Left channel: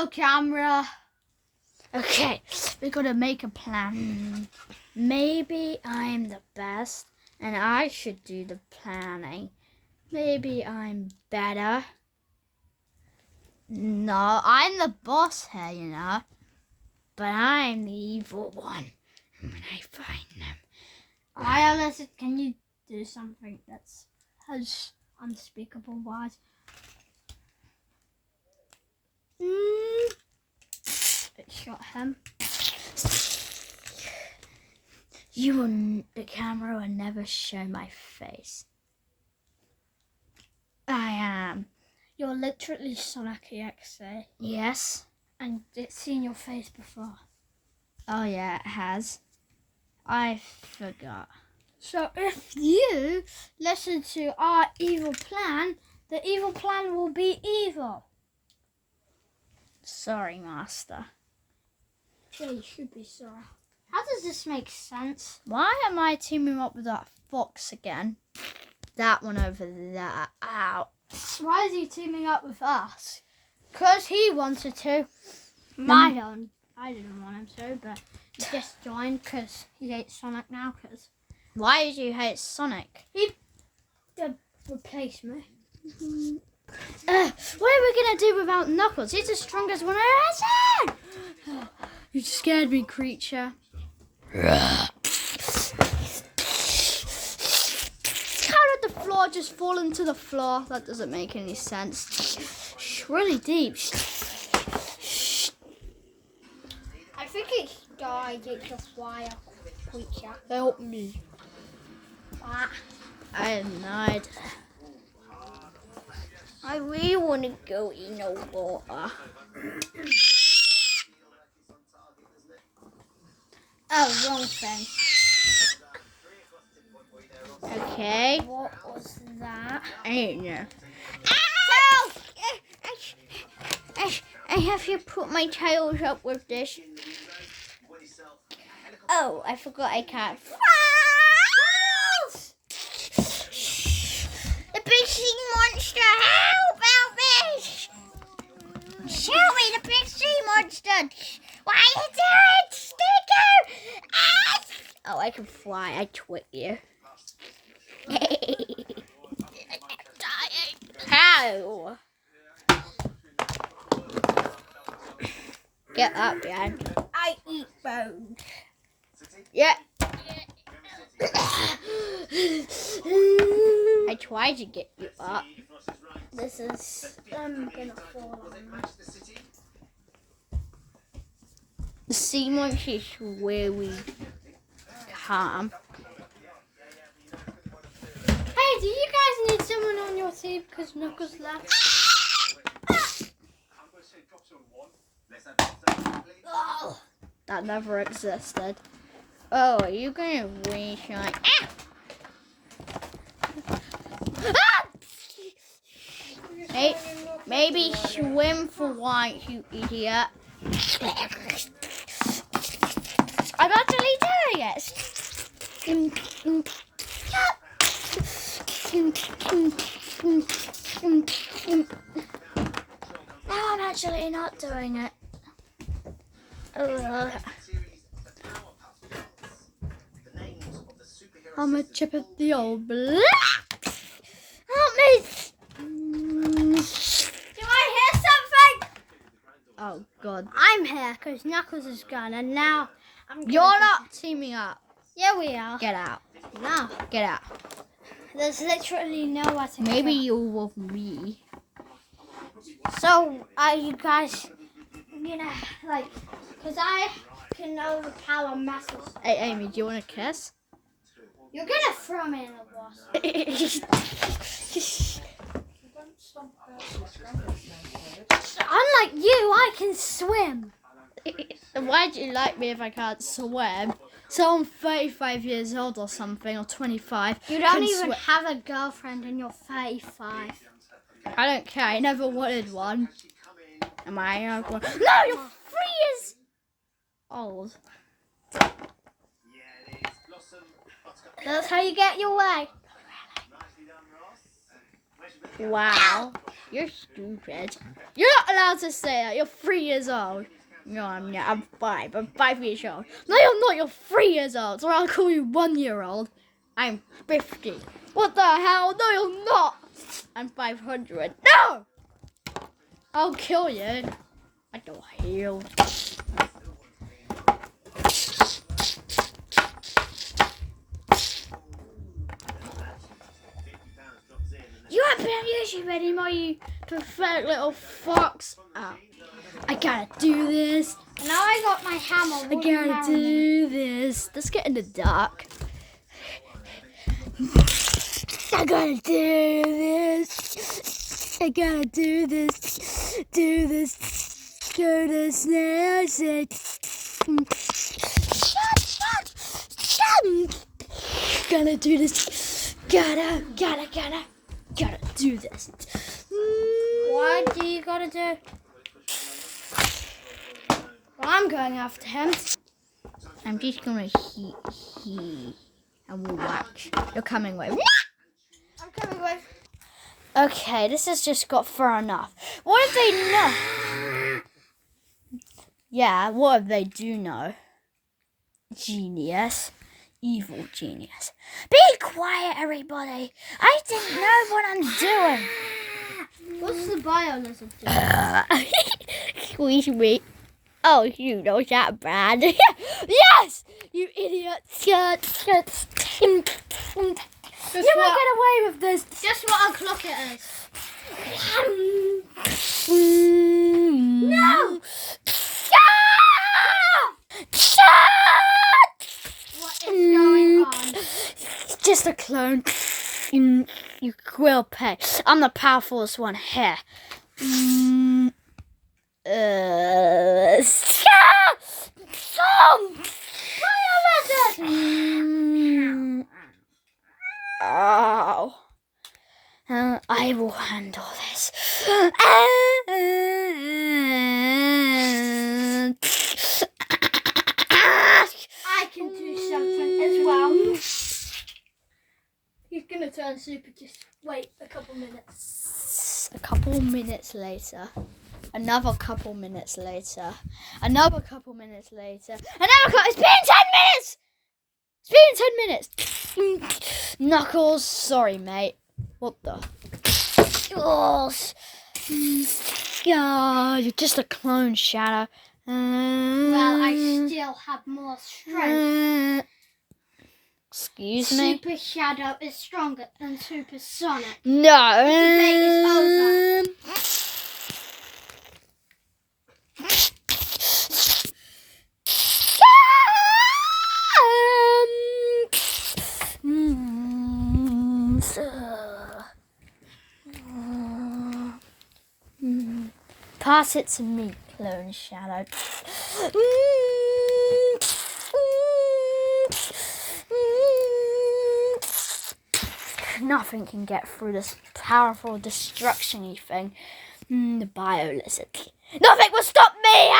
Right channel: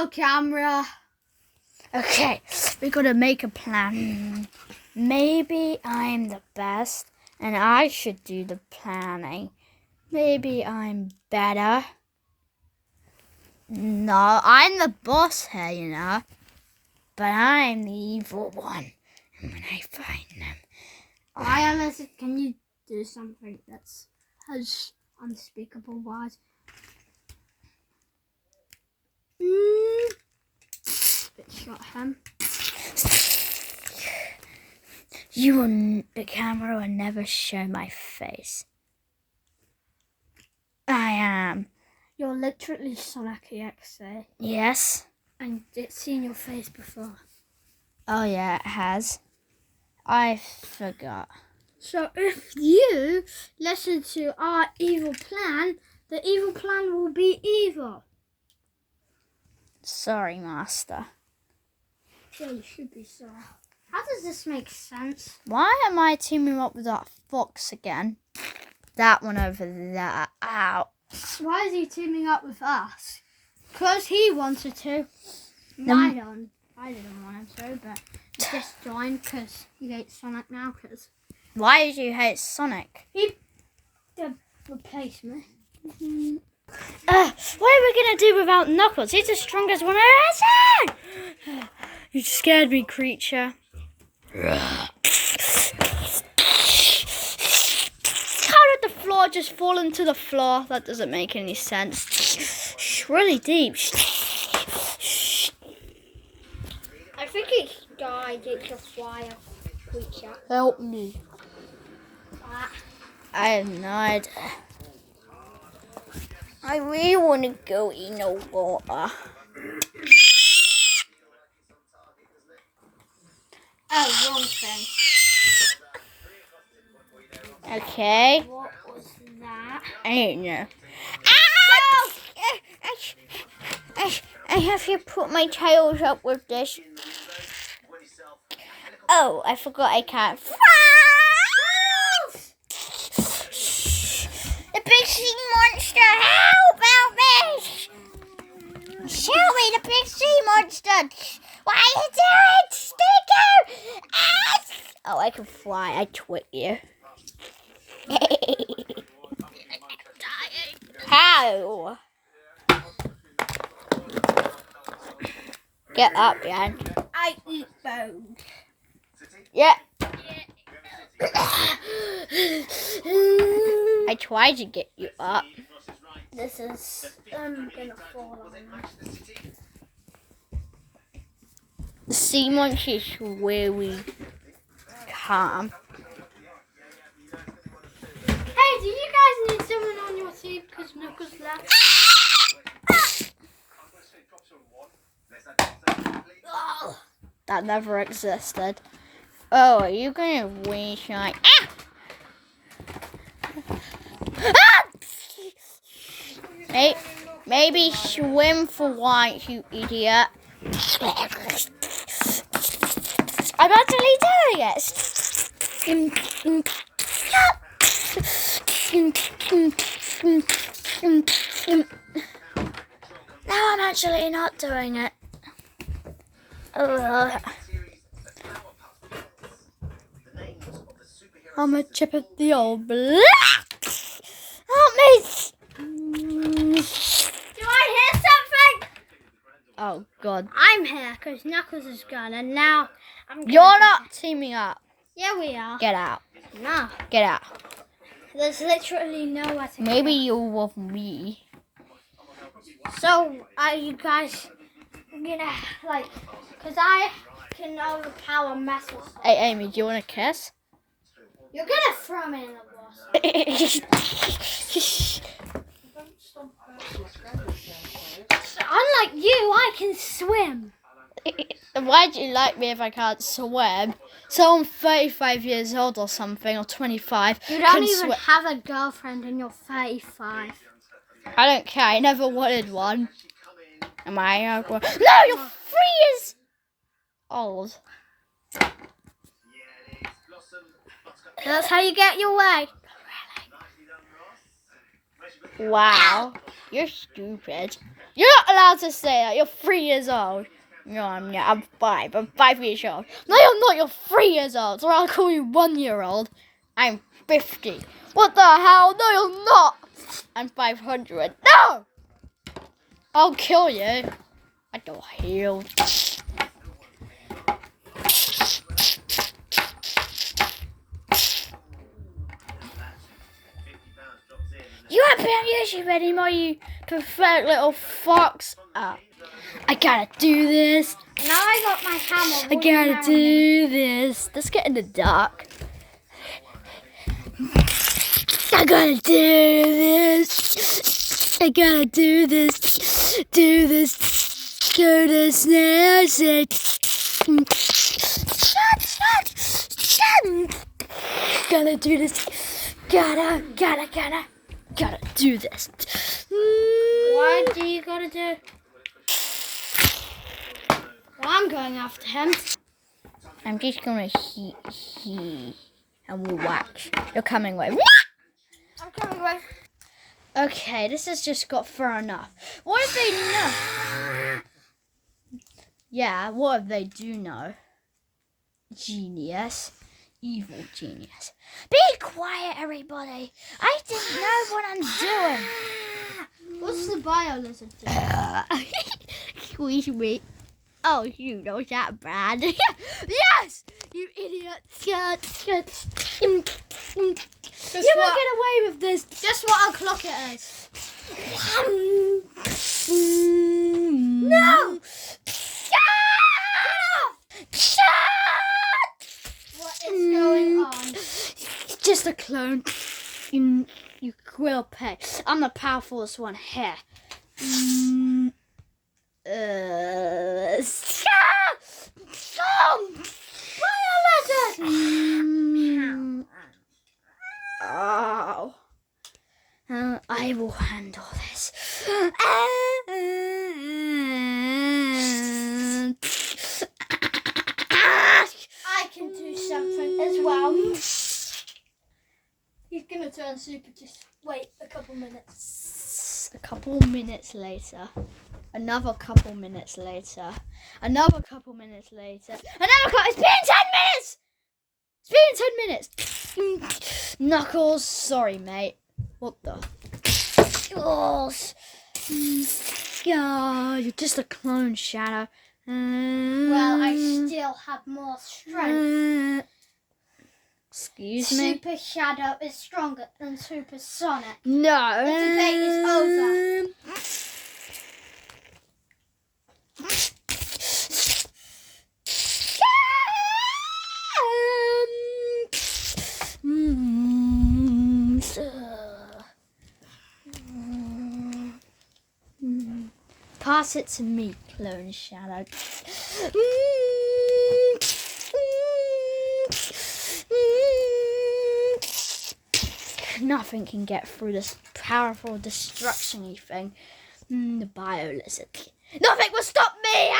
Hello, camera. Okay, we gotta make a plan. Maybe I'm the best and I should do the planning. Maybe I'm better. No, I'm the boss here, you know. But I'm the evil one. And when I find them, Alice, can you do something that's has unspeakable words? It shot him. the camera will never show my face. I am. You're literally Sonic EXA. Yes. And it's seen your face before. Oh yeah, it has. I forgot. So if you listen to our evil plan, the evil plan will be evil. Sorry, Master. Yeah, you should be sorry. How does this make sense? Why am I teaming up with that fox again? That one over there. Ow. Why is he teaming up with us? Because he wanted to. I didn't want him to, but he just joined because he hates Sonic now. Because Why did you hate Sonic? he replaced me. What are we gonna do without Knuckles? He's the strongest one I've ever seen! You scared me, creature. How did the floor just fall into the floor? That doesn't make any sense. It's really deep. I think it died. It's a fire creature. Help me. I have no idea. I really want to go in the water. Oh, wrong thing. Okay. What was that? I don't know. I have to put my tails up with this. Oh, I forgot I can't. The big sea monster, help me! Show me the big sea monster! Why are you doing? Sticker! Oh, I can fly. I twit you. How? Get up, Dan. I eat bones. Yeah. I tried to get you up. This is I'm gonna fall on that. The sea monster is really calm. Hey, do you guys need someone on your team because Knuckles left? That never existed. Oh, are you gonna wish like? Hey, maybe swim for once, you idiot. I'm actually doing it. No, I'm actually not doing it. I'm a chip of the old block. Help me! Do I hear something? Oh God! I'm here because Knuckles is gone, and now I'm. You're not teaming up. Yeah, we are. Get out. No, Get out. there's literally nowhere to go. Maybe you're with me. So, are you guys gonna like? Because I can overpower metal. Hey, Amy, do you want a kiss? You're gonna throw me in the water. Unlike you, I can swim. Why'd you like me if I can't swim? So I'm 35 years old or something, or 25. You don't even have a girlfriend and you're 35. I don't care. I never wanted one. Am I? No, you're 3 years old. That's how you get your way. Wow. You're stupid. You're not allowed to say that. You're 3 years old. No, I'm 5. I'm 5 years old. No, you're not. You're 3 years old. So I'll call you 1 year old. I'm 50. What the hell? No, you're not. I'm 500. No! I'll kill you. I don't heal. You haven't been on YouTube anymore, you pathetic little fox. I gotta do this. Now I got my hammer. I gotta do this. Let's get in the dark. I gotta do this. I gotta do this. Do this. Do this now. Gotta do this. Gotta do this. Why do you gotta do? Well, I'm going after him. I'm just gonna he, and we'll watch. You're coming with. I'm coming with. Okay, this has just got far enough. What if they know? Yeah, what if they do know? Genius. Evil genius. Be quiet, everybody. I don't know what I'm doing. What's the bio lizard doing? Sweet. Oh, you know that, Brad. Yes! You idiot. You won't get away with this. Just what o'clock it is. No! What is going on? Just a clone. You will pay. I'm the powerfulest one here. Oh. I will handle this. I can do something as well. He's gonna turn super. Just wait a couple minutes. A couple minutes later. Another couple minutes later. Another couple minutes later. It's been 10 minutes! It's been 10 minutes! Knuckles, sorry, mate. What the? Oh, you're just a clone, Shadow. Well, I still have more strength. Excuse me? Super Shadow is stronger than Super Sonic. No. The debate is over. Pass it to me, Clone Shadow. Nothing can get through this powerful destruction-y thing. The bio lizard. Nothing will stop me!